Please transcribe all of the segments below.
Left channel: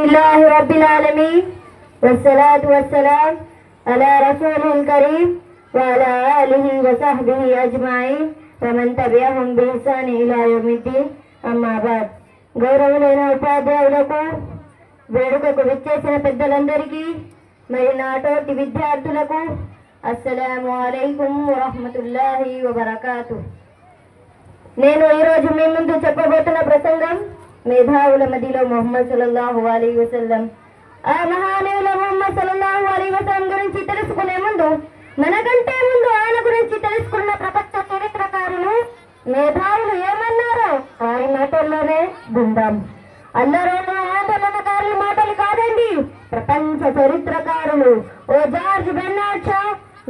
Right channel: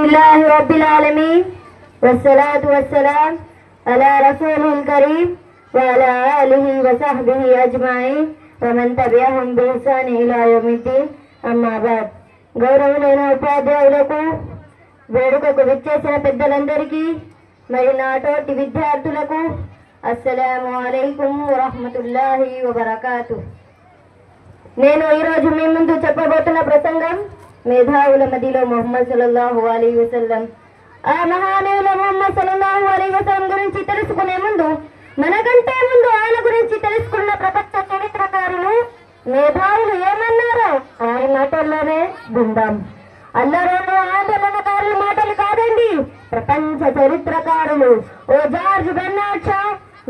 अल्हम्दुलिल्लाहि रब्बिल आलमीन वस्सलातु वस्सलाम अला रसूलिल करीम व अला आलिहि व सहबिहि अजमाइन व मन तबिअहुम बि इहसान इला यौमिद्दीन अम्मा बाद గౌరవులైన ఉపాధ్యాయులకు వేడుకకు విచ్చేసిన పెద్దలందరికీ మరి నాతోటి విద్యార్థులకు అస్సలాము అలైకుం వరహ్మతుల్లాహి వబరకాతుహ్. నేను ఈరోజు మీ ముందు చెప్పబోతున్న ప్రసంగం మేధావుల మదిలో ముహమ్మద్ సల్లల్లాహు అలైహి వసల్లం. ఆ మహానీయుల ముహమ్మద్ సల్లల్లాహు అలైహి వసల్లం గురించి తెలుసుకునే ముందు మనకంటే ముందు ఆయన గురించి తెలుసుకున్న ప్రపంచ చరిత్రకారులు మేధావులు ఏమన్నారో వారి మాటల్లోనే విందాం. అల్లరోళ్ళు ఆందోళనకారుల మాటలు కాదండి, ప్రపంచ చరిత్రకారులు ఓ George Bernard Shaw,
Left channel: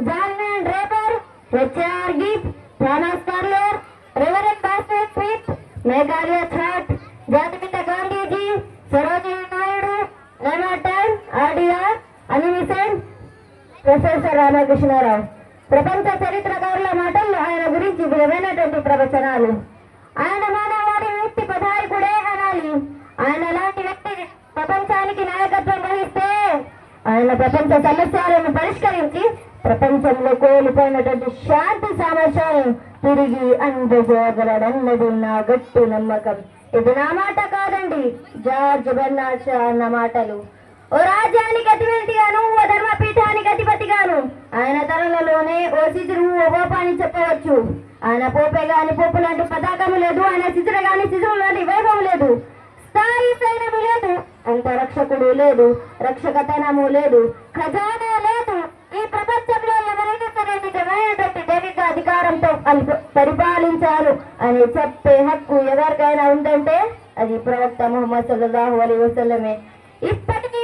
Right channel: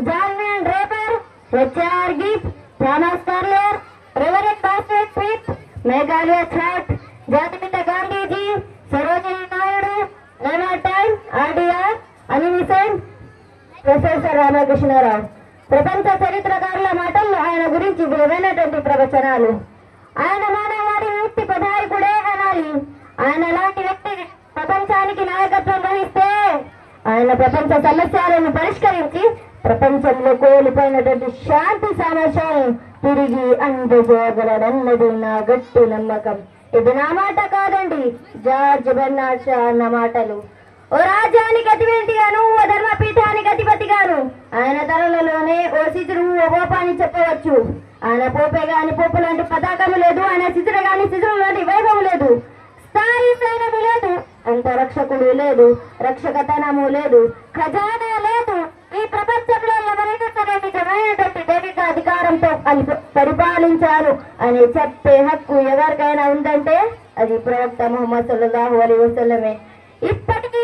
John Van Draper, H R Gibb, Thomas Carlyle, Reverend Bosworth Smith, మేఘాలయ ఛాట్, జాతిపిత గాంధీజీ, సరోజినీ నాయుడు, ఎమర్టన్, ఆర్డిఆర్, అనిమిసెంట్, ప్రొఫెసర్ రామకృష్ణారావు. ప్రపంచ చరిత్రకారుల మాటల్లో ఆయన గురించి విలువైనటువంటి ప్రవచనాలు. ఆయన మానవాడి వ్యక్తి పదాయకుడే అనాలి. ఆయన లాంటి వ్యక్తి ప్రపంచానికి నాయకత్వం వహిస్తే ఆయన ప్రపంచ సమస్యలను పరిష్కరించి ప్రపంచంలో కోల్పోయినటువంటి శాంతి సామర్థ్యాలను తిరిగి అందజేయగలడన్నది నా గట్టి నమ్మకం. ఇది నా మాట కాదండి, జార్జ్ బెర్నార్డ్ షా అన్న మాటలు. ఓ రాజ్యానికి అధిపతిగాను, ఓ ధర్మపీఠానికి అధిపతిగాను ఆయన తరుణలోనే ఓ సిజురు, ఓ పోప అని చెప్పవచ్చు. ఆయన పోపే గాని పోపు లాంటి పతాకము లేదు, ఆయన సిజురు గాని సిజురు లాంటి వైభవం లేదు, స్థాయి సైన్యము లేదు, అంతరక్షకుడు లేదు, రక్షకతనము లేదు, ఖజానా లేదు. ఈ ప్రపంచంలో ఎవరైనా సరే నిజమైనటువంటి దైవిక అధికారంతో పరిపాలించారు అని చెప్పే హక్కు ఎవరికైనా ఉందంటే అది ప్రవక్త ముహమ్మద్ సల్లల్లాహు అలైహి వసల్లమే. ఇప్పటికీ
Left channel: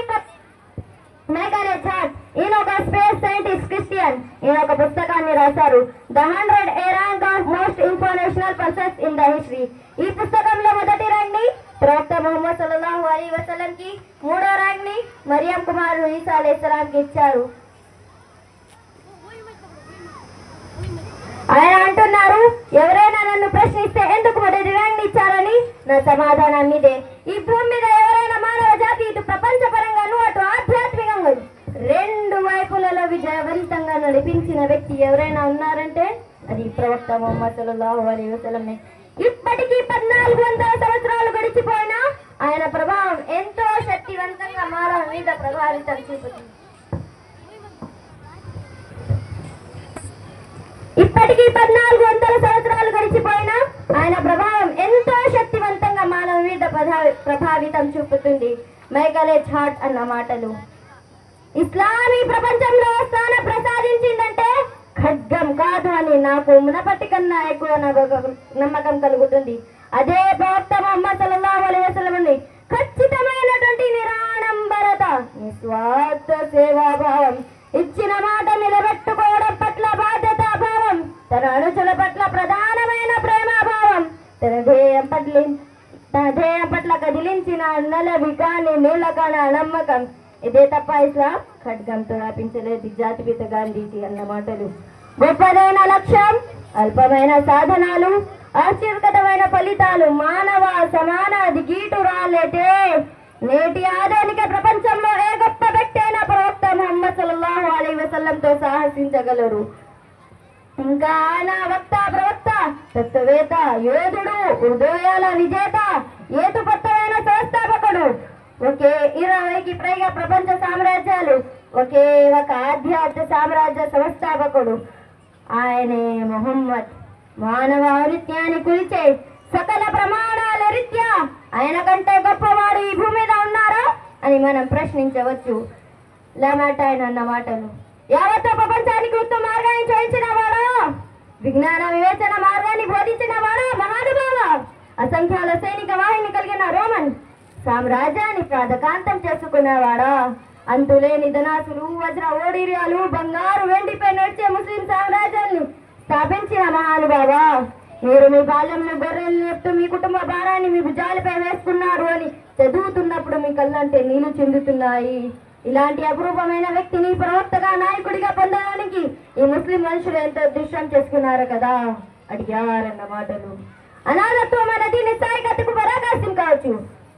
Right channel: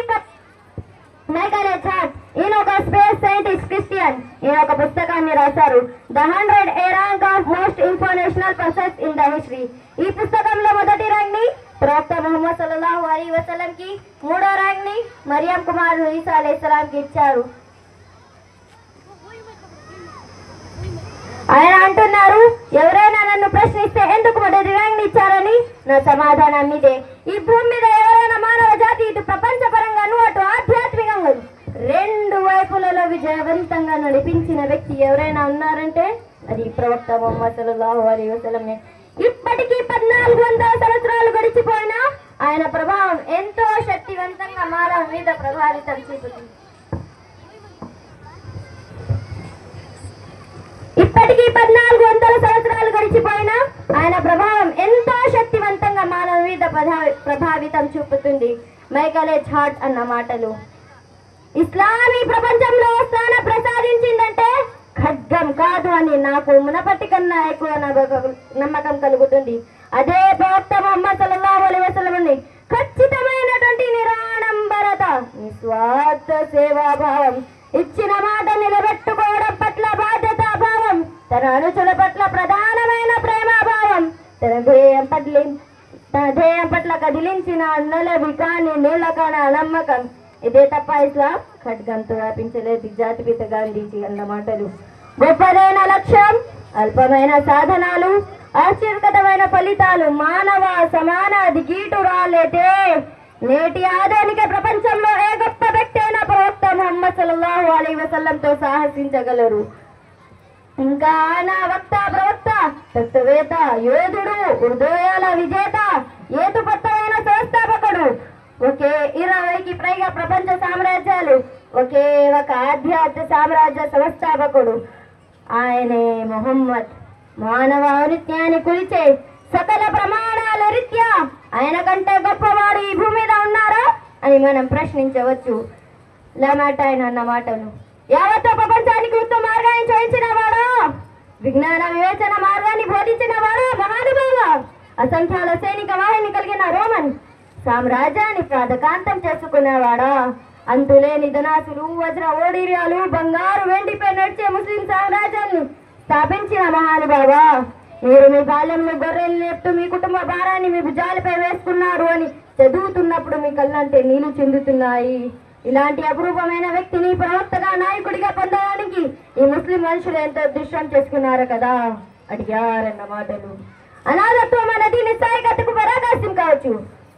మేఘాలయ ఛాట్, ఈయన ఒక స్పేస్ సైంటిస్ట్ క్రిస్టియన్, ఈయన ఒక పుస్తకాన్ని రాశారు, the 100 A rank of most informational persons in the history. ఈ పుస్తకంలో మొదటి ర్యాంక్ ని ప్రవక్త ముహమ్మద్ సల్లల్లాహు అలైహి వసల్లం కి, మూడో ర్యాంక్ ని మరియం కుమారుడు ఈసా అలైహిస్సలాం కి ఇచ్చారు. ఆయన అంటున్నారు, ఎవరైనా నన్ను ప్రశ్నిస్తే ఎందుకు మొదటి ర్యాంక్ ఇచ్చారని నా సమాధానం ఇదే. ఈ భూమి మీద ఎవరైనా మానవ జాతి ఇటు ప్రపంచ పరంగాను అటు ఆధ్యాత్మికంగా రెండు వైపులలో విజయవంతంగా నడిపించిన వ్యక్తి ఎవరైనా ఉన్నారంటే అది ప్రవక్త ముహమ్మద్ సల్లల్లాహు అలైహి వసల్లం. ఇప్పటికీ 1400 సంవత్సరాలు గడిచిపోయినా ఆయన ప్రభావం ఎంతో శక్తివంతంగా మానవ మీద ప్రభావితం చూపుతుంది. ఇప్పటికీ 1400 సంవత్సరాలు గడిచిపోయినా ఆయన ప్రభావం ఎంతో శక్తివంతంగా మానవ మీద ప్రభావితం చూపుతుంది. మేఘాలయ ఛాట్ అన్న మాటలు. ఇస్లామీ ప్రపంచంలో స్థానం ప్రసాదించిందంటే ఖడ్గం కాదు అని నాకు మునపటి కన్నా ఎక్కువ నమ్మకం కలుగుతుంది. అదే ప్రవక్త ముహమ్మద్ సల్లల్లాహు అలైహి వసల్లం ఖచ్చితమైనటువంటి నిరాడంబరత, నిస్వార్థ సేవాభావం, ఇచ్చిన మాట నిలబెట్టుకోవడం పట్ల బాధ్యతా భావం, తన అనుచుల పట్ల ప్రధానమైన ప్రేమాభావం, తన ధ్యేయం పట్ల కదిలించిన అన్నలవి కాని నీలకణ నమ్మకం. ఇదే తప్ప ఇస్లాం ఖడ్గంతో వ్యాపించలేదు. జాతిపిత గాంధీజీ అన్న మాటలు. గొప్పదైన లక్ష్యం, అల్పమైన సాధనాలు, ఆశ్చర్యకరమైన ఫలితాలు, మానవ సమాన దిగీటు రాలేటే. నేటి ఆధునిక ప్రపంచంలో ఏ గొప్ప వ్యక్తి అయినా ప్రవక్త ముహమ్మద్ సల్లల్లాహు అలైహి వసల్లంతో సాహసించగలరు. ఇంకా ఆయన వక్త, ప్రవక్త, తత్వవేత్త, యోధుడు, హృదయాల విజేత, ఏతుపత్తమైన సంస్థాపకుడు, ఒకే 20కి పైగా ప్రపంచ సామ్రాజ్యాలు, ఒకే ఒక ఆధ్యాత్మిక సామ్రాజ్య సంస్థాపకుడు ఆయనే ముహమ్మద్. మానవ ఔన్నత్యాన్ని కొలిచే సకల ప్రమాణాల రీత్యా ఆయన కంటే గొప్పవాడు ఈ భూమి మీద ఉన్నారా అని మనం ప్రశ్నించవచ్చు. లెమాటైన్ అన్న మాటలు. యావత్తు ప్రపంచానికి ఉత్తమ మార్గాన్ని చేయించిన వాడు, విజ్ఞాన వివేచన మార్గాన్ని బోధించిన వాడు, మహానుభావ అసంఖ్యాల సైనిక వాహిని కలిగిన రోమన్ సామ్రాజ్యాన్ని ప్రాధకాంతం చేసుకునేవాడా, అంతులేని ధనాసులు, వజ్ర ఓడిర్యాలు, బంగారు వెండిపై నడిచే ముస్లిం సామ్రాజ్యాన్ని స్థాపించిన మహానుభావ, మీరు మీ బాల్యంలో గొర్రెలు నేపుతూ మీ కుటుంబ భారాన్ని మీ భుజాలపై వేసుకున్నారు అని చదువుతున్నప్పుడు మీ కళ్ళంటే నీళ్లు చెందుతున్నాయి. ఇలాంటి అపురూపమైన వ్యక్తిని ప్రవక్తగా, నాయకుడిగా పొందడానికి ఈ ముస్లిం మనుషులు ఎంతో దృశ్యం చేసుకున్నారు కదా అడిగారన్న మాటలు. అనాథత్వం అనేది నిస్సాయికతకు పరాకాశం కావచ్చు.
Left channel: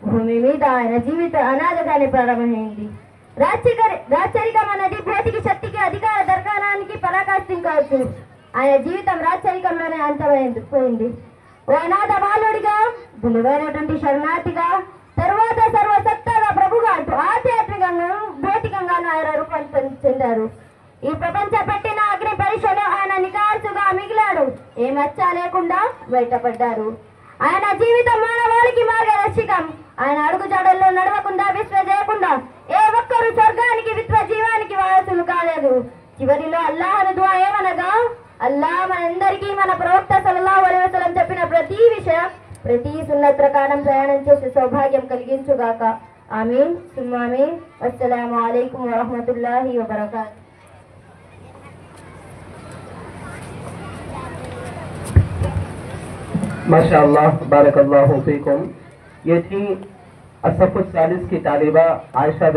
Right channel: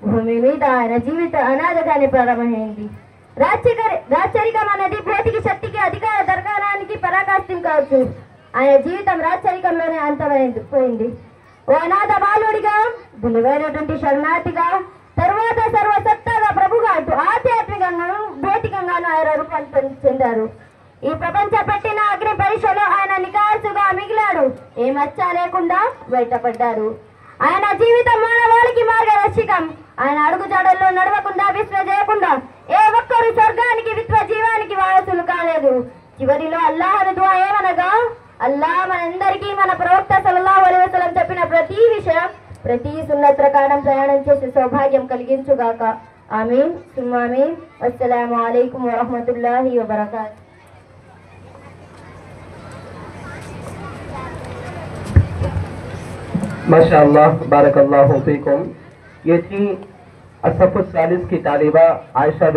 భూమి మీద ఆయన జీవితం అనాథగానే ప్రారంభమైంది. రాచరికం అన్నది భౌతిక శక్తికి అధికార దర్గానానికి పరాకాష్ఠం కావచ్చు. ఆయన జీవితం రాచరికంలోనే అంతమైంది పోయింది. ఓ అనాథ బాలుడిగా, విలువైనటువంటి శరణార్థిగా, తర్వాత సర్వసత్తాగా ప్రభుగా అంటూ ఆధ్యాత్మికంగాను భౌతికంగాను ఆయన రూపాంతరం చెందారు. ఈ ప్రపంచ పట్టిన అగ్ని పరీక్షలో ఆయన నికార్సుగా మిగిలాడు. ఏ మచ్చ లేకుండా బయటపడ్డారు. ఆయన జీవితం మానవాళికి మార్గదర్శకం. ఆయన అడుగుజాడల్లో నడవకుండా, విశ్వ చేయకుండా ఏ ఒక్కరు స్వర్గానికి విశ్వ జీవానికి వారసులు కాలేదు. చివరిలో అల్లాహ్ దుఆ ఏమనగా, అల్లాహ్ మనందరికీ మన ప్రవక్త సల్లల్లాహు అలైహి వసల్లం చెప్పిన ప్రతి విషయం, ప్రతి సున్నత్ ప్రకారం ప్రయాణం చేసే సౌభాగ్యం కలిగించుగాక. ఆమీన్ సుమ్మా ఆమీన్. అస్సలాము అలైకుం వరహ్మతుల్లాహి వబరకాతుహు. माशाअल्लाह बारकल्लाहु फीकुम। ये थी असफ़ 40 की तालिबा आयशा।